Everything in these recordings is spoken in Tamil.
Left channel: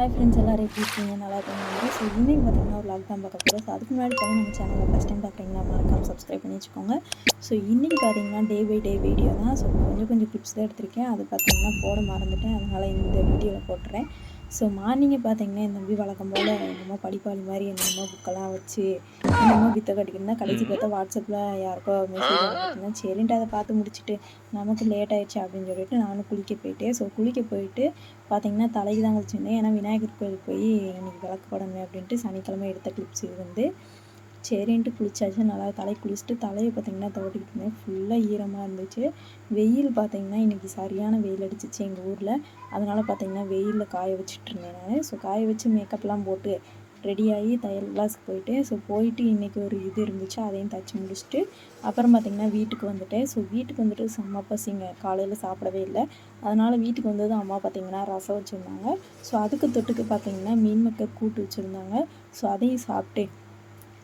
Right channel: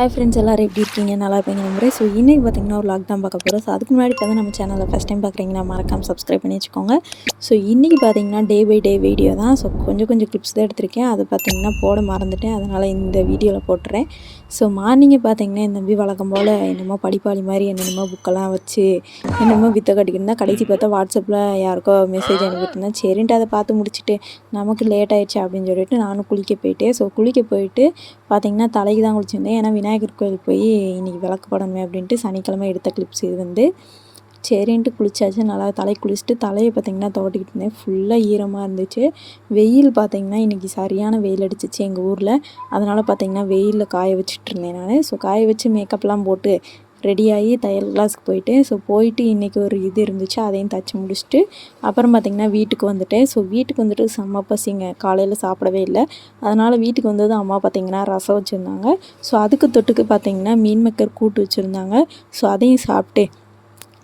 ஹாய் ஃப்ரெண்ட்ஸ், எல்லோரும் எப்படி இருக்கீங்க? நல்லா இருப்பீங்க நம்புறேன். ஸோ இன்றைக்கி பார்த்திங்கன்னா ஒரு லாக் தான் பார்க்க போகிறோம். ஸோ அதுக்கு முன்னாடி பார்த்தா நம்ம சேனலை ஃபஸ்ட் டைம் பார்க்குறீங்கன்னா மறக்காமல் சப்ஸ்கிரைப் பண்ணி வச்சுக்கோங்க. ஸோ இன்றைக்கி பார்த்திங்கன்னா டே பை டே வீடியோ தான். ஸோ கொஞ்சம் கிளிப்ஸ் தான் எடுத்திருக்கேன். அதை பார்த்திங்கன்னா போட மறந்துட்டேன். அதனால் இந்த வீடியோவில் போட்டுறேன். ஸோ மார்னிங்கே பார்த்திங்கன்னா என் தம்பி வழக்கம் போல் என்னமோ படிப்பாளி மாதிரி என்னென்னமோ புக்கெல்லாம் வச்சு என்னமோ வித்த கட்டிக்கிட்டு கடைசி பார்த்தா வாட்ஸ்அப்பில் யாருக்கோ மெசேஜ் அனுப்பிட்டு இருந்தேன். சரின்ட்டு அதை பார்த்து முடிச்சுட்டு நமக்கு லேட் ஆகிடுச்சு அப்படின்னு சொல்லிட்டு நானும் குளிக்க போயிட்டேன். ஸோ குளிக்க போயிட்டு பார்த்திங்கன்னா தலைக்கு தான் குளிச்சிருந்தேன். ஏன்னா விநாயகர் கோயிலுக்கு போய் இன்றைக்கி விளக்கு போடணுமே அப்படின்ட்டு சனிக்கிழமை எடுத்த கிளிப்ஸ் இது வந்து. சரின்ட்டு குளிச்சாச்சு. நல்லா தலைக்கு குளிச்சுட்டு தலையை பார்த்திங்கன்னா துவட்டிக்கிட்டு இருந்தேன். ஃபுல்லாக ஈரமாக இருந்துச்சு. வெயில் பார்த்திங்கன்னா இன்றைக்கி சரியான வெயில் அடிச்சிச்சு எங்கள் ஊரில். அதனால் பார்த்திங்கன்னா வெயிலில் காய வச்சுட்டு இருந்தேன் நான். ஸோ காய வச்சு மேக்கப்லாம் போட்டு ரெடியாகி தையல் கிளாஸுக்கு போயிட்டேன். ஸோ போயிட்டு இன்றைக்கி ஒரு இது இருந்துச்சு, அதையும் தச்சு முடிச்சுட்டு அப்புறம் பார்த்திங்கன்னா வீட்டுக்கு வந்துட்டேன். ஸோ வீட்டுக்கு வந்துட்டு செம்ம பசிங்க. காலையில் சாப்பிடவே இல்லை. அதனால் வீட்டுக்கு வந்தது அம்மா பார்த்திங்கன்னா ரசம் வச்சுருந்தாங்க. ஸோ அதுக்கு தொட்டுக்கு பார்த்திங்கன்னா மீன் மக்கர் கூட்டு வச்சுருந்தாங்க. ஸோ அதையும் சாப்பிட்டு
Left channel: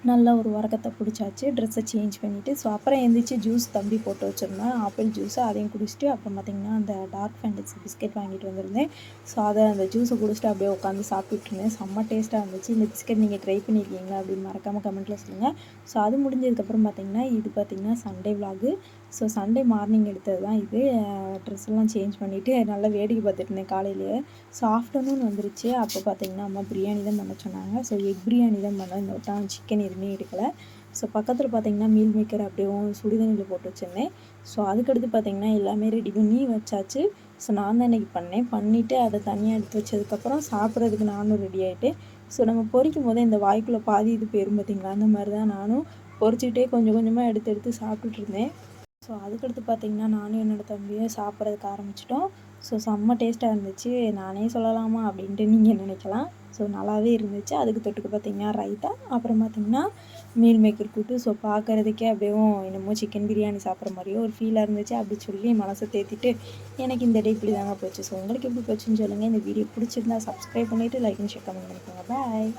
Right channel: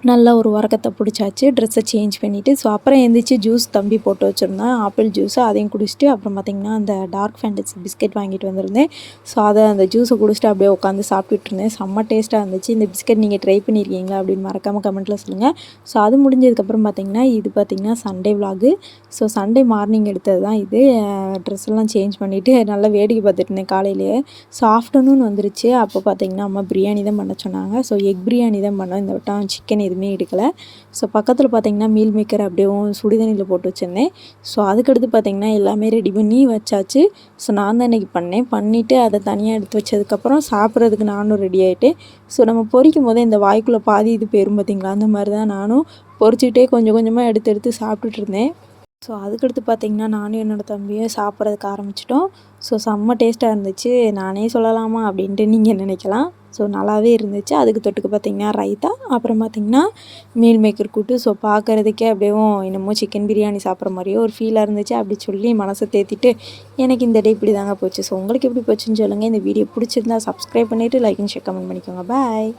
நல்லா ஒரு உரக்கத்தை பிடிச்சாச்சு. ட்ரெஸ்ஸை சேஞ்ச் பண்ணிவிட்டு ஸோ அப்புறம் எழுந்திரிச்சு ஜூஸ் தம்பி போட்டு வச்சுருந்தேன், ஆப்பிள் ஜூஸு. அதையும் குடிச்சிட்டு அப்புறம் பார்த்திங்கன்னா அந்த டார்க் ஃபேண்டசி பிஸ்கெட் வாங்கிட்டு வந்திருந்தேன். ஸோ அதை அந்த ஜூஸை குடிச்சிட்டு அப்படியே உட்காந்து சாப்பிட்டுட்டு இருந்தேன். செம்ம டேஸ்ட்டாக இருந்துச்சு. இந்த பிஸ்கெட் நீங்கள் ட்ரை பண்ணியிருக்கீங்களா அப்படின்னு மறக்காமல் கமெண்ட்டில் சொல்லுங்கள். ஸோ அது முடிஞ்சதுக்கப்புறம் பார்த்திங்கன்னா இது பார்த்திங்கன்னா Sunday vlog. So Sunday morning எடுத்தது தான் இது. ட்ரெஸ்ஸெல்லாம் சேஞ்ச் பண்ணிவிட்டு நல்லா வேடிக்கை பார்த்துட்டு இருந்தேன் காலையிலேயே. ஸோ ஆஃப்டர்நூன் வந்துருச்சு. அப்போ பார்த்திங்கன்னா அம்மா பிரியாணி தான் பண்ண சொன்னாங்க. ஸோ எக் பிரியாணி தான் பண்ணோம். இந்த வட்டம் சிக்கன் எதுவுமே எடுக்கலை. ஸோ பக்கத்தில் பார்த்திங்கன்னா மீல் மேக்கர் அப்படியே சுடுதண்ணியில் போட்டு வச்சுருந்தேன். ஸோ அதுக்கடுத்து பார்த்திங்கன்னா எல்லாமே ரெடி பண்ணி வச்சாச்சு. ஸோ நான் தான் இன்றைக்கி பண்ணிவிட்டு அதை தனியாக எடுத்து வச்சதுக்கப்புறம் சாப்பிட்றதுக்கு நானும் ரெடி ஆகிட்டேன். ஸோ நம்ம பொரிக்கும் போதே இந்த வாய்க்குள்ளே பாதி இது போயிரும் பார்த்திங்களா, அந்த மாதிரி தான் நானும் பொரிச்சிட்டே கொஞ்சம் கொஞ்சமாக எடுத்து சாப்பிட்டுட்டு இருந்தேன். ஸோ அதுக்கடுத்து பார்த்திங்கன்னா நானும் என்னோடய தம்பியும் சாப்பிட்றதுக்கு ஆரம்பிச்சிட்டோம். ஸோ செம்ம டேஸ்ட்டாக இருந்துச்சு. நானே சொல்லலாமா அப்படின்ட்டு நீங்கள் நினைக்கலாம். ஸோ நல்லாவே இருந்துச்சு. அதுக்கு தொட்டுக்கு பார்த்திங்கன்னா ரைத்தா, அப்புறம் பார்த்திங்கன்னா மீல் மேக்கர் கூட்டு. ஸோ பார்க்குறதுக்கே அப்படியே என்னமோ சிக்கன் பிரியாணி சாப்பிட்ற மாதிரியே ஒரு ஃபீலாக இருந்துச்சு. அப்படி சொல்லி மனசை தேத்திட்டு எனக்கு இந்த டே இப்படி தாங்க போச்சு. ஸோ உங்களுக்கு எப்படி போச்சுன்னு சொல்லுங்கள். இந்த வீடியோ பிடிச்சிருந்தா சப்ஸ்கிரைப் பண்ணிவிட்டு லைக் அண்ட் ஷேர் கமெண்ட் பண்ணிக்கோங்க. பாய்.